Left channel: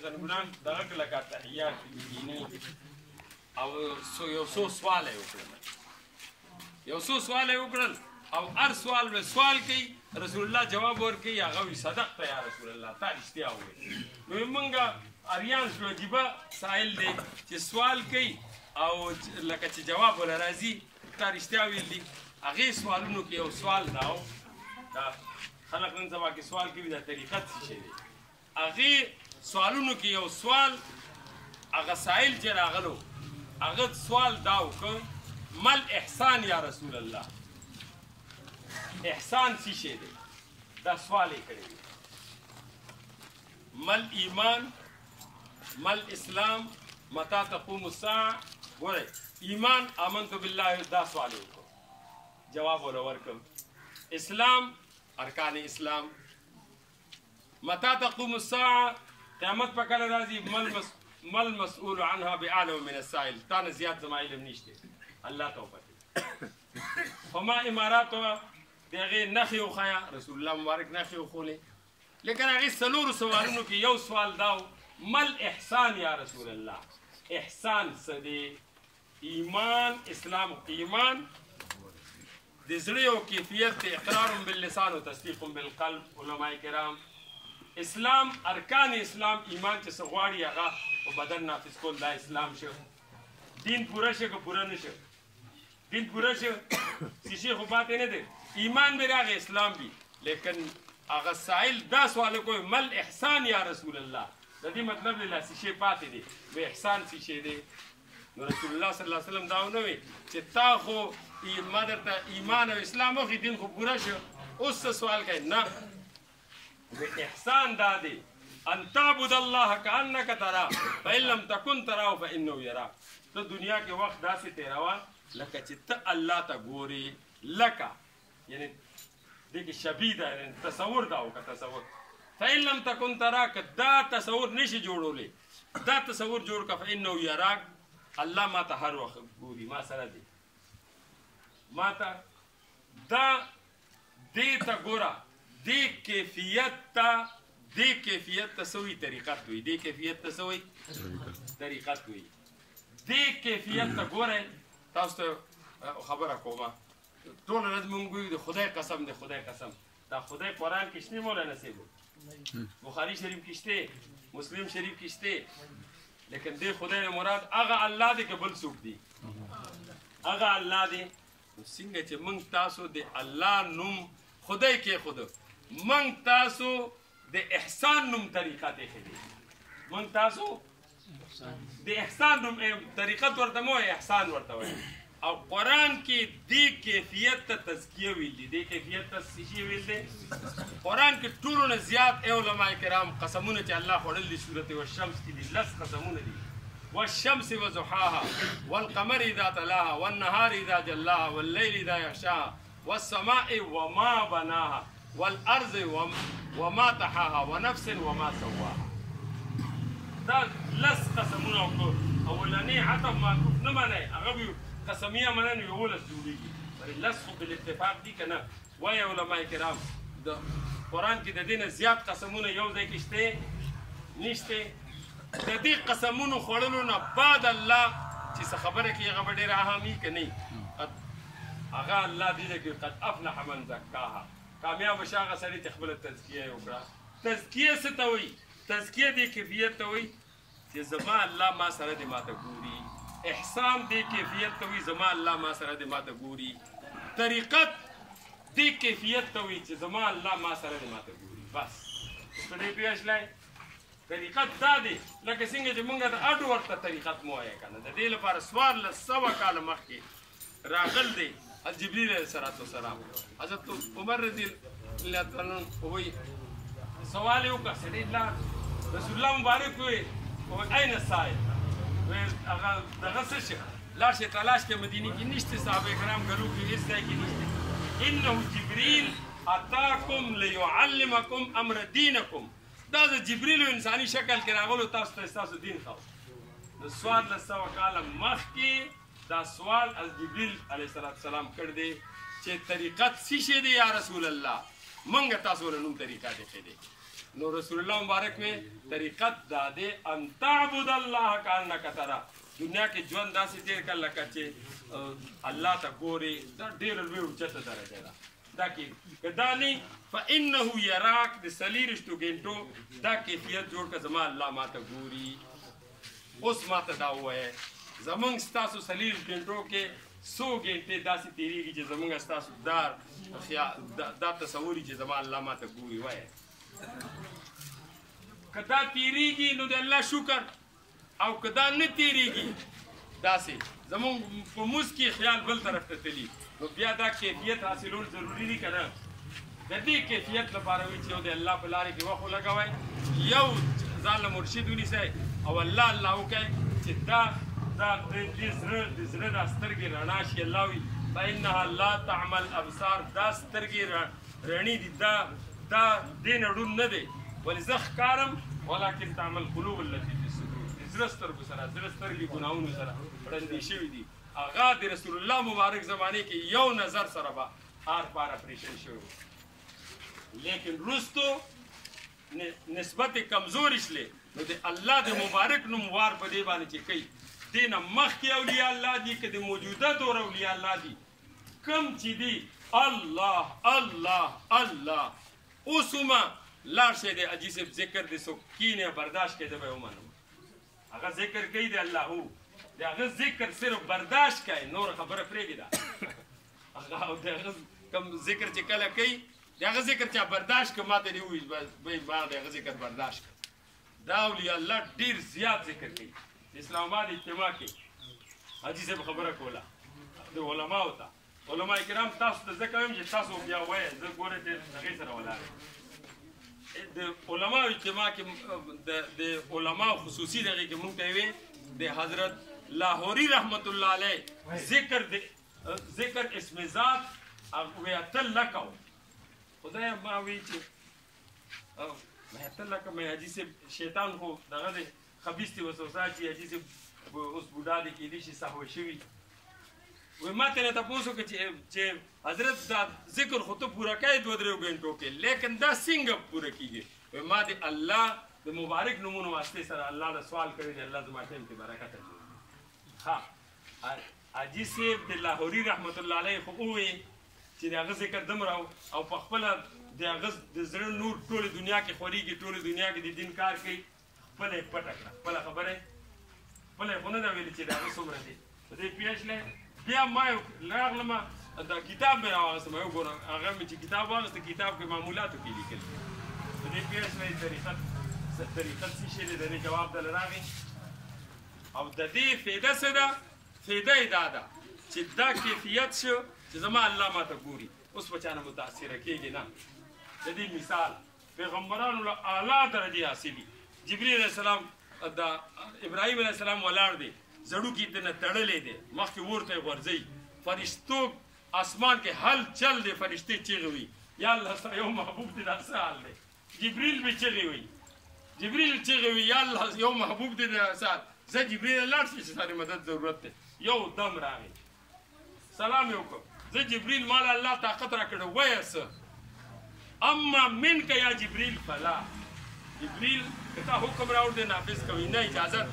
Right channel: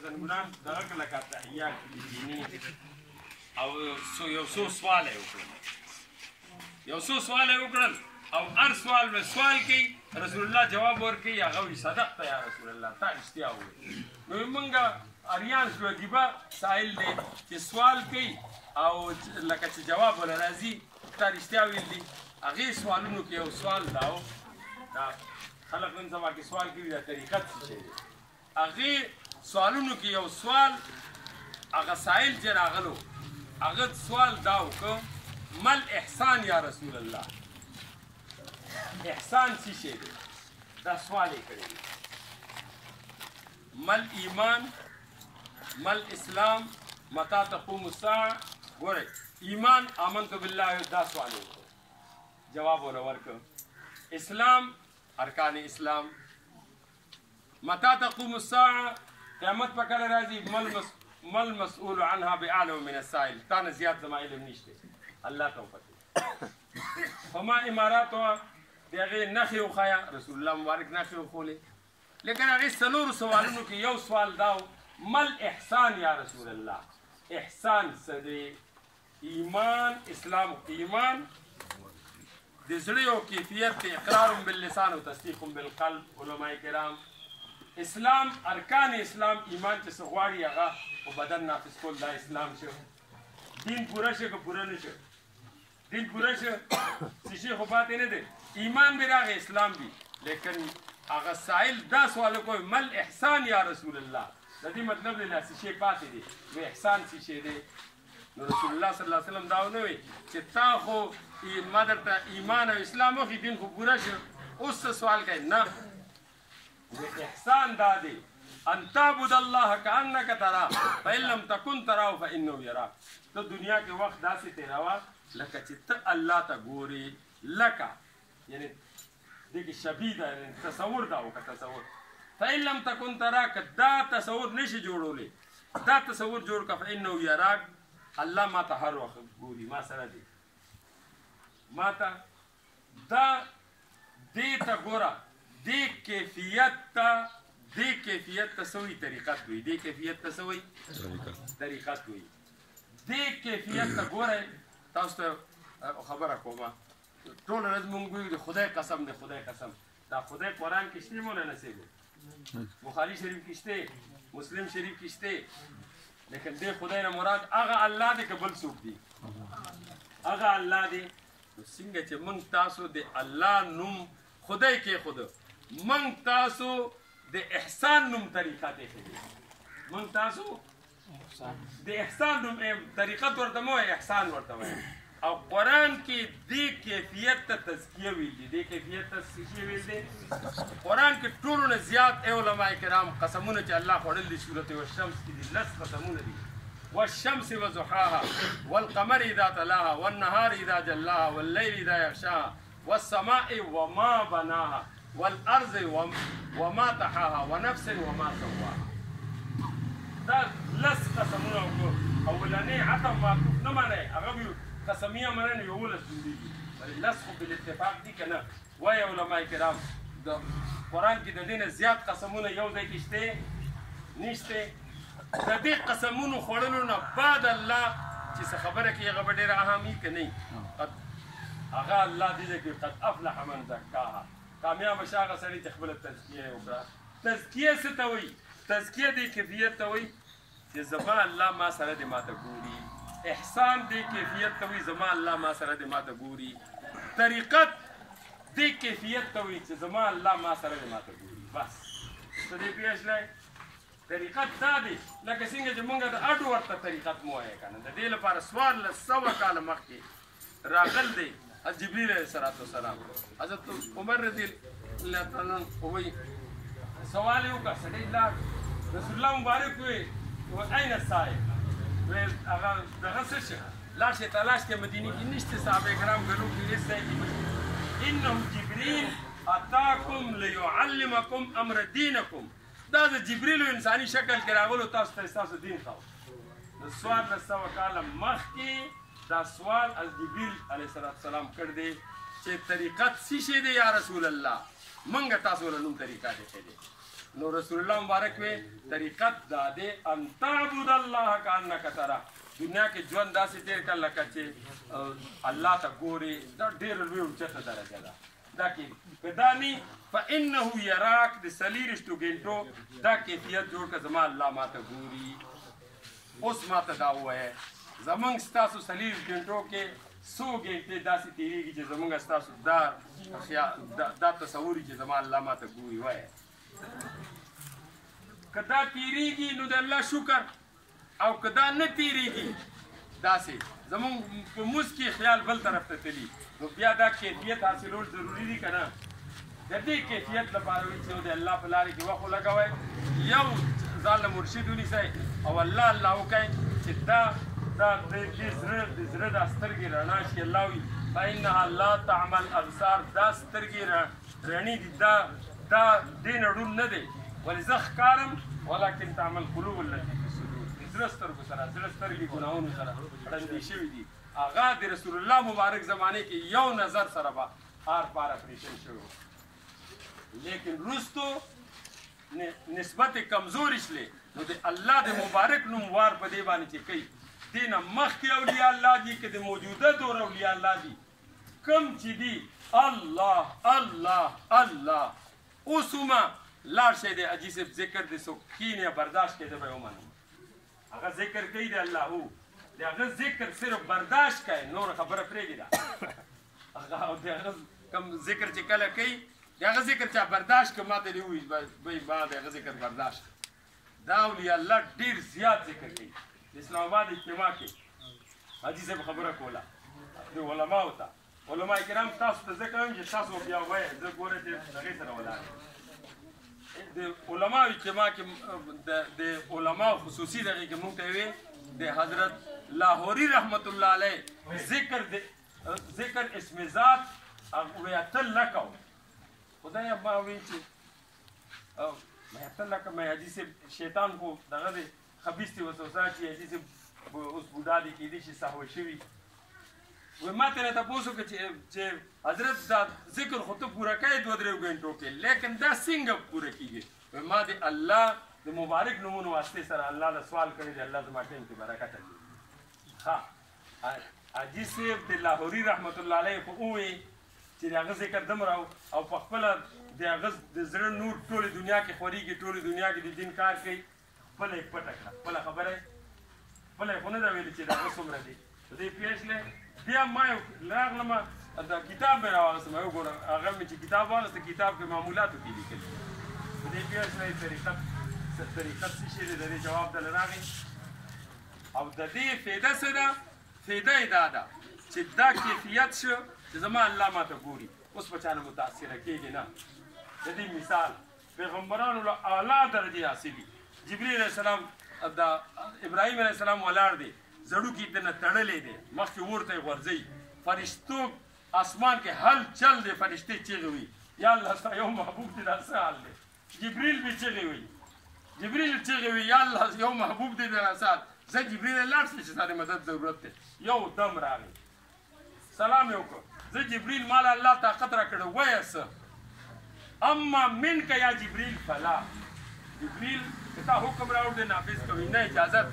زنګونان دغه لکه تحیات دیني او یو څو سوال یې وکړل او هر سوال به سوال کوي رسول الله جواب ورکوي هغه وي صدقت یا رسول الله تا رښتیا ووایې نو موږ اریان شو عجیبه سائل دی چې سوال کوي او لکه چې جواب ولا راځي تا رښتیا ویل دي هغې سوالونو کې یو سوال دا خلک نن سبا کې سوال کوي دا طریقت څه شی دی هغې سوالونو کې یو سوال هغه سائل چې راغلو هغه سوال دا وکړه مل احسان یا رسول الله احسان څه شی دی دا سوال یې کړی دی مل ایمان مل اسلام متى تقوم الساعه ګورئ ایمان آمنت بالله دا سوال یې وکړو جواب ولا ورکړ اسلام ارکان اسلام متى تقوم الساعه قیامت په کله راځي مل مسؤول عنها باعلم من السائل تا نه زیات زما علم نشته الله توفیق فما امارات د هغې نښې وښایه رسول الله مبارک نښې وښولې لیکن هغې څلورو سوالونو کې یو سوال دا مل احسان یا رسول الله احسان څه دی ایمان اسلام ایمان د زړه یو کیفیت دی اقرار باللسان و تصدیق بالقلب علماء کرام اسلام ارکان اسلام ایمان چې څه غواړي هغه په بدن نافذ کول دا اسلام شو دین پوره شو که پوره نه شو دین پوره شو څه شی خو پاتې نه دی ایمان به راغی اسلام وي لیکن هغه سائل دا سوال کوي مل احسان یا رسول الله د دې مطلب دی لا څه شی پاتې دی نو احسان څه شی دی نو رسول الله صلی الله علیه وسلم دا ونه وي چې تا خو ما درته ایمان او اسلام وخی دین خو پوره شو اوس څه سوال کوي نه احسان دا دی ان تعبد الله كانك تراه فان لم تكن تراه فانه يراك ته دنیا کې وخت داسې تیراوه لکه چې ته الله ته ګورې لکه یعنی دې کې شبیه ده یعنی تصور دا وکړه تصور فان لم تكن تراك دا تصور نشي جوړولی دا تصور جوړ کړه فانه يراك الله ما ته هر وخت ګوري ما سره دی ما ته دا دې ته ګوره دې کیفیت ته سوی طریقت وي دې کیفیت ته سوی طریقت وي دې کیفیت ته ګورئ تاسو ته خبره کومه ټول ورځ مونږ وایو د خدای قسم د خدای قسم دا خدای قرآن کې شته مولانا صاحب بخاري شریف کې شته مسلم شریف کې شته لیکن دې خدای نه مراد هغه الله دی که بل څوک دی هغه الله دی څنګه چې مونږ تاسو د الله نوم خدای کې خود من تاسو د احسان نوم طریقه ته خېدي من تاسو د احسان نوم طریقت ورته مو احسان ورته وایي او قرآن کې دې کیفیت ته تزکیه ویل دي دې کیفیت ته څه ویل دي قرآن کې ټولو نه زیات علماء کرام قسمونه چې الله خوړل دي سورت والشمس کې دي لس قسمونه دي والشمس وضحاها والقمر اذا تلاها والنهار اذا جلاها والليل اذا يغشاها والسماء وما بناها والارض وما طحاها ونفس وما سواها دا لس قسمونه اولاني عطب معطوف نه منئ هغه قسمیه منن یولس جوړیږي لس خو بالاتفاق دي که نه وایي علماء کرام د قرآن کې د دې نه زیات قسمونه یو ځای کې شته نشته د دې قسمونو خوړلو نه بعد الله چې څه خبره کوي هغه به ډېره اهمي که نه هغه الله دې کې قد افلح من زکاها کامیاب شه هغه سړي چې خپله تزکیه یې وکړه تزکیه څه ته وایي تزکیه دې کیفیت ته وایي چې زما الله ما سره دې ماته ګوري احسان دې کیفیت ته وایي زما الله ما سره دې ماته ګوري طریقت دې کیفیت ته وایي چې زما الله ما سره دې ماته ګوري بس څه دې پوه شلی طریقت دا دی لکه څنګه چې مونږ د اډو ورته طریقت مو وایه که نه د دې لپاره 1400 کاله مخکې راغل دی جبریل علیه السلام حضرت عمر رضی الله تعالی عنہ وایي سوال یې وکړه سړي لاړ رسول الله مبارک وایي این السائل هغه دغه څه شي لاړ شي تلاش کې مدینې کې نشته صحابه کرام ګلو کې هېڅ ځای کې نشته انه جبریل اتاکم لیعلمکم امر دینکم دا د جبریل انساني شکل کې راغلو تاسو ته ستاسو دین ښاو د 1400 کاله مخکې دا سوال از جبریل علیه السلام کړ دی چې طریقت څه شی دی یا رسول الله منګه تاسو له نوم طریقه دی نو رسول الله مبارک وې طریقت دا دی ان تعبد الله کانک ترا دنیا کې ژوند داسې تیر کړه لکه چې الله ته ګورې دا ډېر لوی اوچته درجه ده دا کې که دا نی فانه یراک د څلېرویشتو ګنټو دا کیفیت جوړ کړه زما الله ماته ګوري اوس ماته دا ووایه زمونږ ستاسو څلېرویشت ګنټو کې څو ګنټې داسې تېرېږي چې زمونږ ستاسو دا تصور چې زما الله ماته ګوري وایه که دا تېرېږي نو د الله شکر او که دا نه تېرېږي داسې زمونږ په موس کې خیال بل طرف ته تلي نو بیا دا کیفیت حاصلول ضروري دي که نه د دې کیفیت لپاره وي چې یو د الله په لارې کې وخت ولګوئ یو ځان له مرشد ونیسئ او الله وکئ چې دا د زړه دا سترګې رڼا شي الله وي فانها لا تعمل ابصار دا سترګې رڼې دي دا دې نه ړوند نه دی ولې زه ښکارم ولکن تعمل قلوب التي في الصدور زړه سترګو سره زړه سترګې ګناهونو سره ړندې شوي دي هغه د رسول الله مبارک زمانې کې یو نظر سره به آر پار اپریشن شوی لیکن وروستو نسبت کمزوري شلې نو د الله د مبارک نوم وار په دې باندې چې کوي دې نه مخکې اولیاء الله دي که د موجوده دور اولیاء الله دي کم چې دي الله الله الله اوس هم لاړ شئ د حاجي صاحب ذکر د څوک کینې برداشت کړي به یې ومنم هغه ذکر کوي د الله د هغه ذکر صرف برداشت کوي نور خبره پرېږدي هغه او د هغه کوم ذکر چې کله کوي د هغه ذکر چا برداشت که ماته دې ووایي ما د هغه ذکر برداشت کړه دا اولیاء الله ډېر زیات ذکر کوي د اسلام آباد اجتماع کې حاجي صاحب خبره کوله د علماو ته علما کرام تاسو ته زه کوم چې تاسو بیا وایئ زه ګوره چې هغې سره ولاړ د علماو اجتماع کې د علماو خصوصي دغې کې مونږ ته ویې د حضرت لاهوري رحمت الله علیه ذکر اسم ذات وی اتل لکو خدای ما وی چې مې اتل لکه مې حاجي صاحب شیطان خو دغه دی خبیث وسوسه چې حاجي صاحب اوس بوډا دی کېدای شي سهوه شوي وی ما ترې تپوس وکړه چې حضرت دا ذکر خو ته پوره کوې 2-3 ګنټو کې لیکن دا څنګه پوره کېږي وی ما د الله د مبارک نومونو واسطې سره الله نه سوال کړی دی الله زما ټیم کې برکت اچوي ها حاجي صاحب د لاهوري رحمت الله علیه خو ووایي چې د هغه ذکر دومره او په خپله د هغه د زړه نور ټولې دنیا کې خورېږي ټولې دنیا کې د دین کار کوي خپله یې پټه کړه خپله خبره یې خپله یې خو نه ده ویلې چې د هغه څومره دي په دې پیښلې بیا ما راغلم دا کتاب مې راواغېستم وګورم هغه مې چې کتاب واغېسته کتاب کې معمولاتو کې لیکل په دې پیښلې طریقت څه شی دی د دې جواب دله راغی او د دې فایده څه ده فایده یې دا ده چې دا کیفیت شو چې زما الله ماته ګوري اوس په چا نه متاثره کېږي نه د دې مثال پیغمبرانو له اعلی درجې حاصلي جبریل علیه السلام د ابراهیم علیه السلام ولاړ دی زړوکي دنه تړلې دی مخکې ورته یې غورځوي فرشتو اسمان کې هل چل دی فرشتې چیغې وي یا الله ستا یو محبوب دی دا څه حال دی جبریل به چیغې وي جبریل چیغې وي یا الله یو محبوب دی دا څه حال زه جبریل لاړ شم چې ستا د مدد ضرورت دی یو دم راغی سلام یې وکړ زه جبریل مال الله طاقت را کړی وایه څه اما منک یا جبریل فلا جبریل که تا حکم راوړ دی نافظ کوي نه اجازت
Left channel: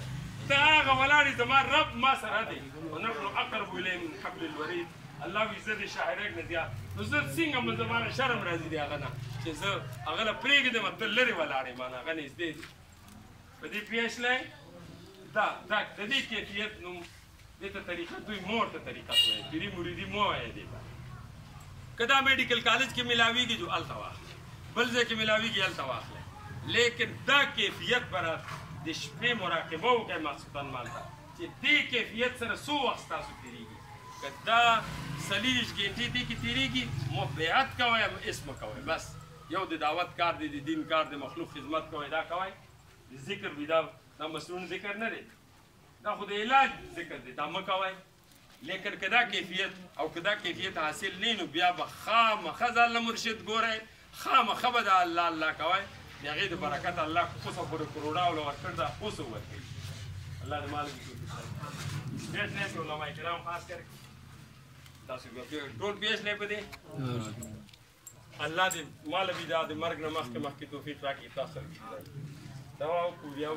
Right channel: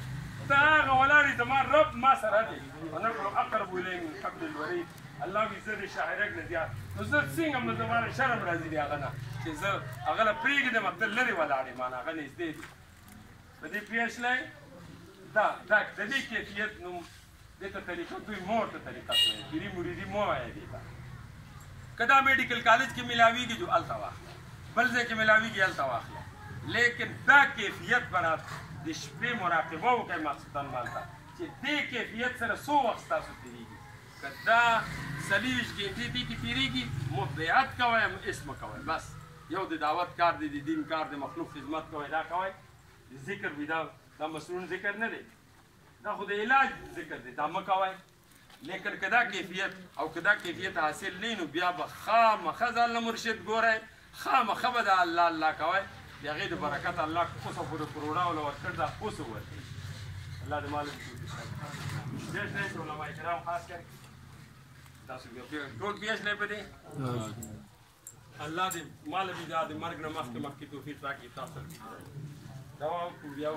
ته هغه ولاړې زما رب ما سره دی ونحن اقرب الیه من حبل الورید الله وایي زه د شاعرک نه زیات نو زه څنګه زما نه شرم راځي د هغه نه چې زه هغه له پرېږدم ته لرې ولاړې ما نه هغه نږدې دي په دې پوه شلی دا د دې کیفیت نوم دې ته طریقت دوی مور ته طریقت وایي پیري مریدي مو وایي دې ته که دا میډیکل کالج کې ملاویږي جو هلته واخله بل ځای کې ملاویږي هلته واخله لیکن دا کیفیت برات د شپې مراقبه وکړئ مخصوصا مالته چې دې کیفیت سره څو وخت ستاسو تېرېږي که دا 40 ګنټې دې کې تېرېږي مبیعت کوئ اسم کوئ بس یو د دعوت کار دی د دین کار دی مخلوق خدمت کوئ دا کوئ د ذکر وي دا مسنون ذکر نه دی دا خو د علاج ذکر دی دا مه کوئ لیکن که دا کیفیت او که دا کیفیت حاصل نه نو بیا به خامخه ځان له مرشد ګورئ خامخه به د الله الله کوئ د هغې د برکت الله اوسه پورې کروڑاو له ورکړ ده اوسه ورکوي الله د مالک پیش دی چې علما کرام خاص کر تاسو ټول پیش دی په دې الله دې مال بي دا د مرګ نه مخکې توفیق راکړي تاسو دا بیا